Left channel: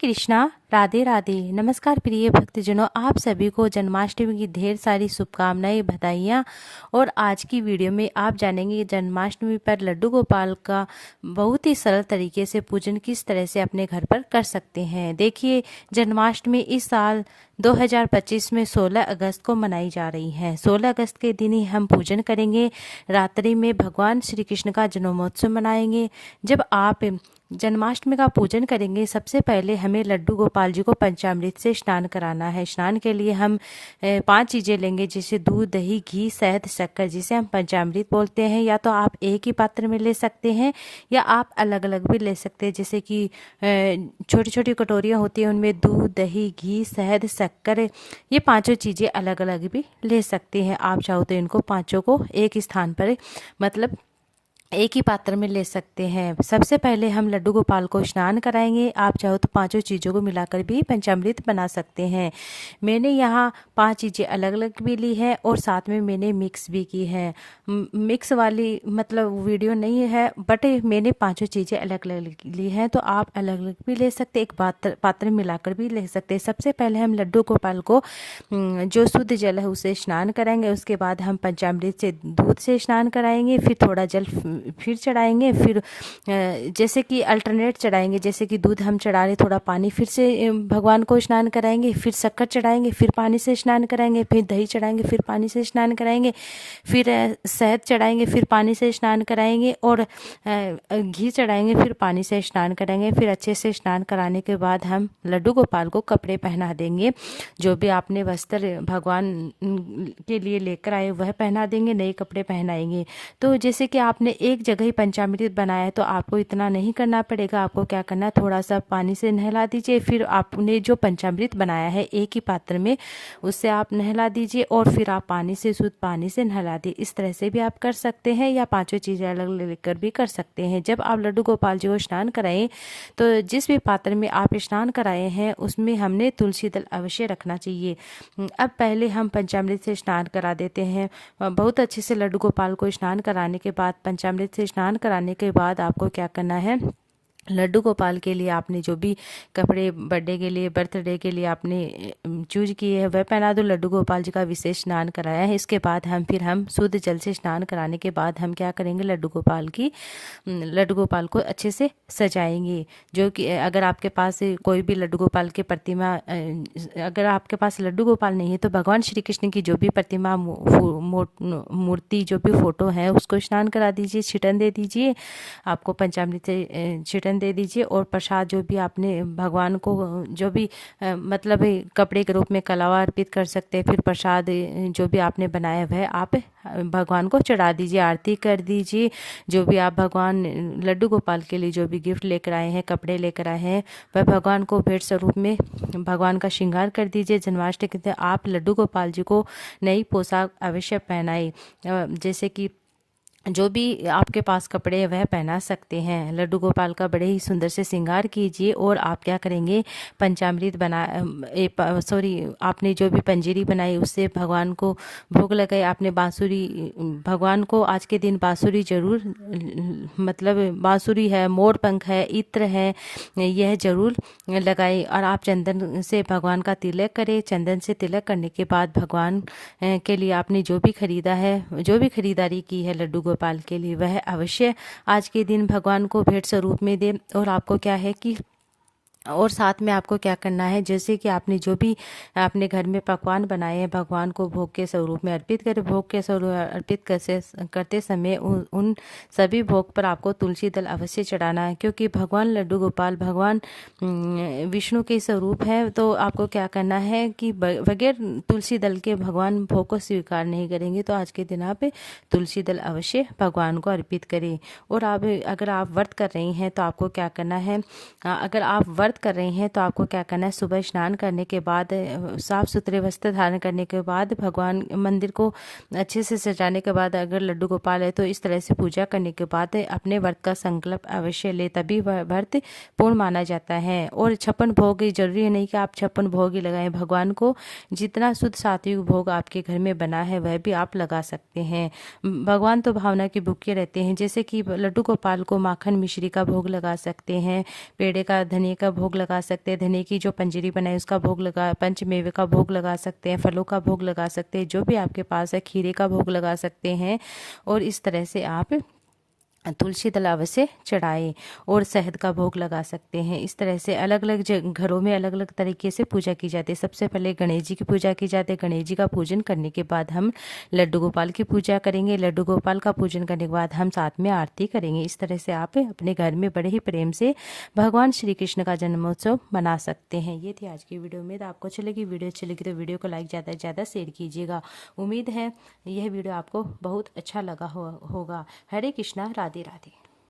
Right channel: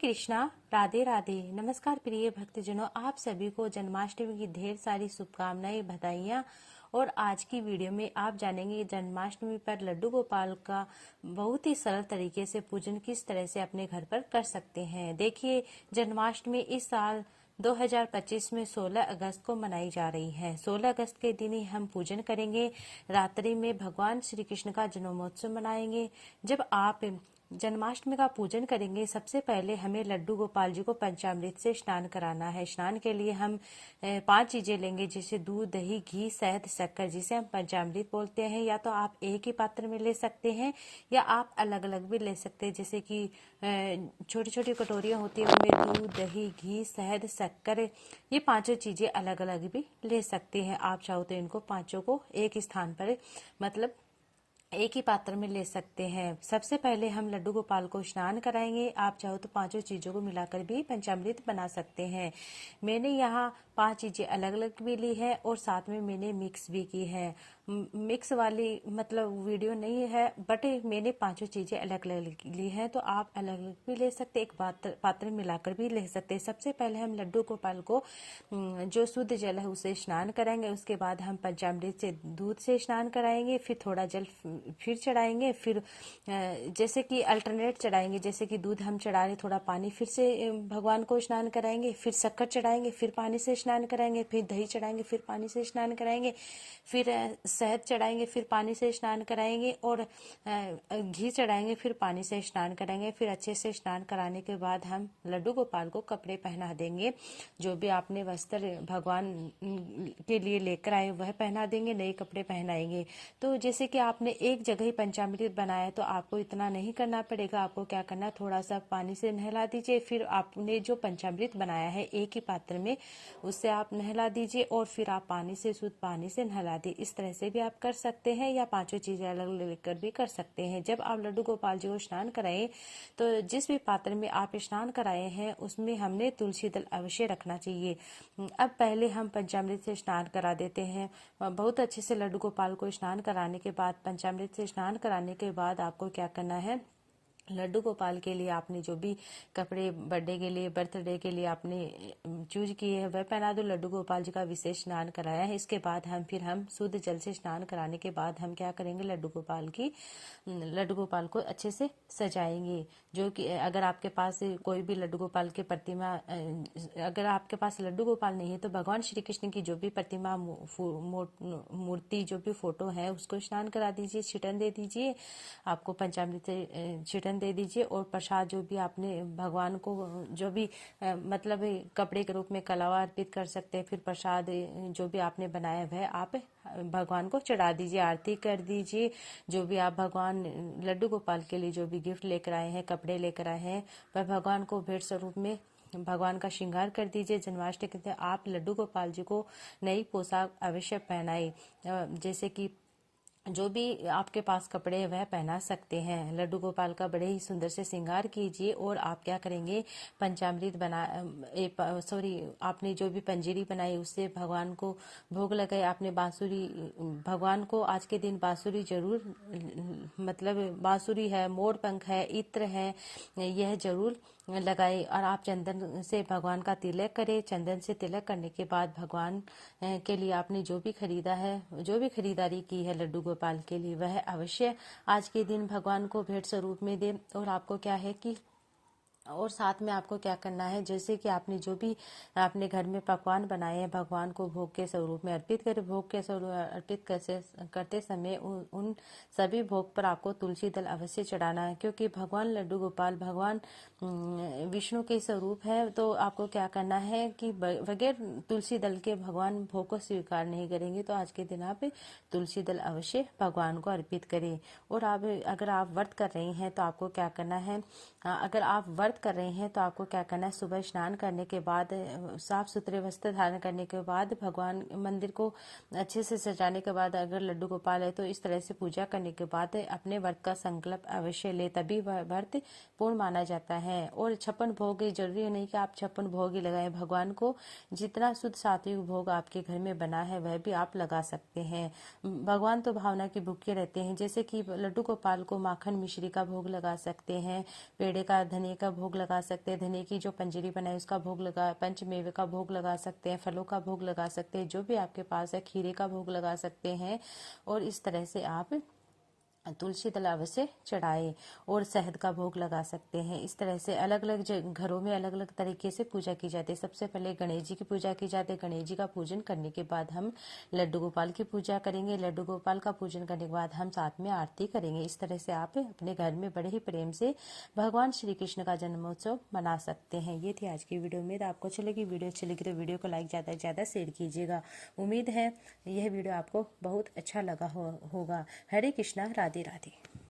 कृष्णा, राधे राधे। नमस्कार प्रिय भक्तजनों, आप सभी को जन्माष्टमी की ढेर सारी शुभकामनाएं, बधाइयाँ। और आज की वीडियो में आप जानेंगे जन्माष्टमी पर लड्डू गोपाल का बहुत ही सरल तरीके से पूजन किस तरह से अपने घर पर कर सकते हैं। देखिए, जन्माष्टमी इस साल 2025 में 16 अगस्त को मनाई जा रही है। 16 अगस्त के दिन ही हम पूजन करेंगे। रात्रि में भगवान श्री कृष्ण का जन्मोत्सव मनाएंगे। जब आप जन्माष्टमी का पूजन करेंगे, सबसे पहले हमें लड्डू गोपाल जी को पंचामृत से स्नान कराना है। स्नान के लिए हम 5 चीज़ें लेंगे, जैसे दूध, दही, घी, शहद, शक्कर, जिसे हम पंचामृत बोलते हैं। या तो आप एक ही पात्र में ले सकते हैं या आप अलग अलग भी ले सकते हैं। जैसे कि छोटी छोटी कटोरियाँ होती हैं, उनमें दूध, दही, घी, शहद, शक्कर, ये पांचों चीज़ें अलग अलग भी ले सकते हैं। आप चाहो तो इनको पांचों को एक स्थान पर, मतलब एक ही पात्र में ले सकते हैं। सबसे पहले हम लड्डू गोपाल को स्नान कराएंगे। आप चाहो तो पांचों चीज़ों को मिलाकर भी पंचामृत बना सकते हैं। मैंने यहाँ 5 चीज़ें अलग अलग भी ली है और साथ में मैंने मिक्स भी की है। मिक्स वाली मतलब वीडियो नहीं है, बट मैंने पांचों चीज़ें अलग अलग ली हैं, तो आप अलग अलग भी ले सकते, एक पात्र मिलाकर भी ले सकते हैं। सबसे पहले हम लड्डू गोपाल को जो शुद्ध जल है उसे स्नान कराएंगे। उसके बाद हम पंचामृत से, दूध से स्नान कराएंगे। फिर थोड़ा जल फिर चढ़ाएंगे। फिर जैसे कि अल्टरनेट चढ़ाएंगे, जैसे कि दूध हम चढ़ा रहे, थोड़ा पानी फिर से भगवान को स्नान कराएंगे। फिर शक्कर चढ़ाएंगे, फिर पानी से स्नान कराएंगे। फिर दही चढ़ाएंगे, फिर पानी से स्नान कराएंगे। फिर शहद चढ़ाएंगे, फिर पानी से स्नान कराएंगे। और घी चढ़ाएंगे, फिर पानी से स्नान कराएंगे। फिर अच्छे से स्नान कराने के बाद हम लड्डू गोपाल को कपड़े पहना देंगे। जो भी आपने वस्त्र भगवान के लिए लेकर आए वह पहना देंगे, नए कपड़े पहनाएंगे। तो जैसे कि आपने एक जगह ही पंचामृत बनाया है, तो आपको इतना नहीं करना पड़ेगा। आपको क्या करना है, थोड़ा सा पानी से नहला दीजिए। फिर आपने जो पंचामृत बनाया है एक ही पात्र में, उससे आप नहला दीजिए और फिर आप पानी से, शुद्ध पानी से नहला दी। इस तरह से भी आप कर सकते हैं या पांचों चीज़ें अलग लेकर भी कर सकते हैं। जब आप लड्डू गोपाल जी को स्नान कराएं, तो जिस भी पात्र में आप स्नान कराए हैं उसमें हमने तुलसी दल अवश्य रखना चाहिए। अब पहले हम पंचामृत से स्नान करा देते हैं। बहुत अच्छे से लड्डू गोपाल को स्नान कराने के बाद, पंचामृत से स्नान कराने के बाद आपको क्या करना है, लड्डू गोपाल के लिए आपने जो भी कपड़े बर्थडे के लिए, बर्थडे के लिए आपने चूज किए हैं वह पहना दो। लड्डू गोपाल जी का विशेष स्नान कराया है। इसके बाद हम शुद्ध जल से स्नान कराने के बाद हम क्या करेंगे, लड्डू गोपाल को अच्छे से सजाएंगे। जो कि अगर आपके पास कोई भी लड्डू गोपाल की प्रतिमा, अगर आपके पास लड्डू गोपाल नहीं है तो भगवान श्री कृष्ण की जो भी प्रतिमा, मूर्ति, जो भी फोटो है उसको स्नान करा दीजिए, छिटन दे दीजिए। आपको पंचामृत से छिटन दे दीजिए। और प्रसाद जो भी आपने भगवान को, जो भी मतलब कपड़े के रूप में कलावा अर्पित कर सकते हैं। फिर प्रसाद जो भी आपने बनाया वह आप भगवान को चढ़ा दीजिए, आरती कर दीजिए। जो भी आप भगवान लड्डू गोपाल के लिए जो भी गिफ्ट लेकर आए हैं, कपड़े लेकर आए हैं, वह भगवान को भेंट स्वरूप में भगवान का श्रृंगार कर दीजिए। जन्माष्टमी के दिन आप लड्डू गोपाल जी को नई पोशाक अवश्य पहनाई। जैसे कि जो भी आपके पास कपड़े हैं वह पहना सकते हैं। लड्डू गोपाल का बड़े ही सुंदर से श्रृंगार कीजिए। और आप क्या करेंगे, पंचामृत आपने जो भी पंजीरी बनाई उससे भगवान को भोग लगाए। आपने बांसुरी, भगवान को आज के दिन बांसुरी जरूर, मतलब बांसुरी है, मोर पंख है, इत्र है, यह जरूर लगाए। और आप चंदन से भगवान का तिलक करें। चंदन से तिलक करने के बाद भगवान के लिए आपने जो भी खरीदा है, जो भी खरीदारी की है लड्डू गोपाल के लिए, वह अवश्य आज के दिन भगवान को भेंट स्वरूप में दे। और आपको क्या है कि, और साथ में आपको क्या करना है, जैसे कि आपने जो भी अपने घर में पकवान बनाए हैं भगवान को भोग के स्वरूप में अर्पित करें। भोग के स्वरूप अर्पित करते समय उन सभी भोग पर आपको तुलसी दल अवश्य चढ़ाना है। क्योंकि भगवान लड्डू गोपाल भगवान विष्णु के स्वरूप है, तो आपको क्या करना है कि बगैर तुलसी दल के भगवान भोग को स्वीकार नहीं करेंगे। तो आज के दिन आप तुलसी दल अवश्य भगवान को अर्पित करें। और आप, अगर आप व्रत कर रही हैं तो आपको क्या करना है, अगर आप व्रत कर रहे हैं तो आपको क्या करना है, सुबह स्नान करने के बाद, साफ सुथरे वस्त्र धारण करने के बाद, भगवान मंदिर को अच्छे से सजाने के बाद, अगर लड्डू गोपाल है तो इस तरह से पूजा करने के बाद अपने व्रत का संकल्प अवश्य ले, तभी वह व्रत पूर्ण माना जाता है। और 56 भोग, जरूरी नहीं कि आप 56 भोग ही लगाएं। भगवान को जितना शुद्ध सात्विक भोग आपके घर में बना है वह भी आप लगा सकते हैं। भगवान तो भावना के भूखे रहते हैं। जैसे कि लड्डू गोपाल को माखन मिश्री का भोग लगा सकते हैं, पेड़े का, धनिया का भोग लगा सकते हैं, धने की जो पंजीरी बनाई उसका भोग लगा, पंचमेवे का भोग लगा सकते हैं, फलों का भोग लगा सकते हैं, जो भी आपके पास है, खीरे का भोग लगा सकते हैं। और इस तरह से आप तुलसी दल अवश्य चढ़ाएं और शहद का भोग लगा सकते हैं। इस तरह से अलग अलग घरों में अलग अलग तरीके से पूजा की जाती है। सबसे पहले गणेश जी की पूजा की जाती है। गणेश जी का पूजन करने के बाद हम लड्डू गोपाल की पूजा करेंगे। लड्डू गोपाल का पूजन करने के बाद हम साथ में आरती करेंगे। इस तरह से आप अपने घर में बड़े ही प्रेम से भगवान श्री कृष्ण का जन्मोत्सव मना सकते हैं। ये थी आज की वीडियो। उम्मीद आपको अच्छी लगी। वीडियो अच्छी लगी तो वीडियो को लाइक ज़्यादा से ज़्यादा शेयर कीजिएगा। उम्मीद है यह वीडियो आपको बहुत अच्छा लगा होगा। हरे कृष्णा, राधे राधे।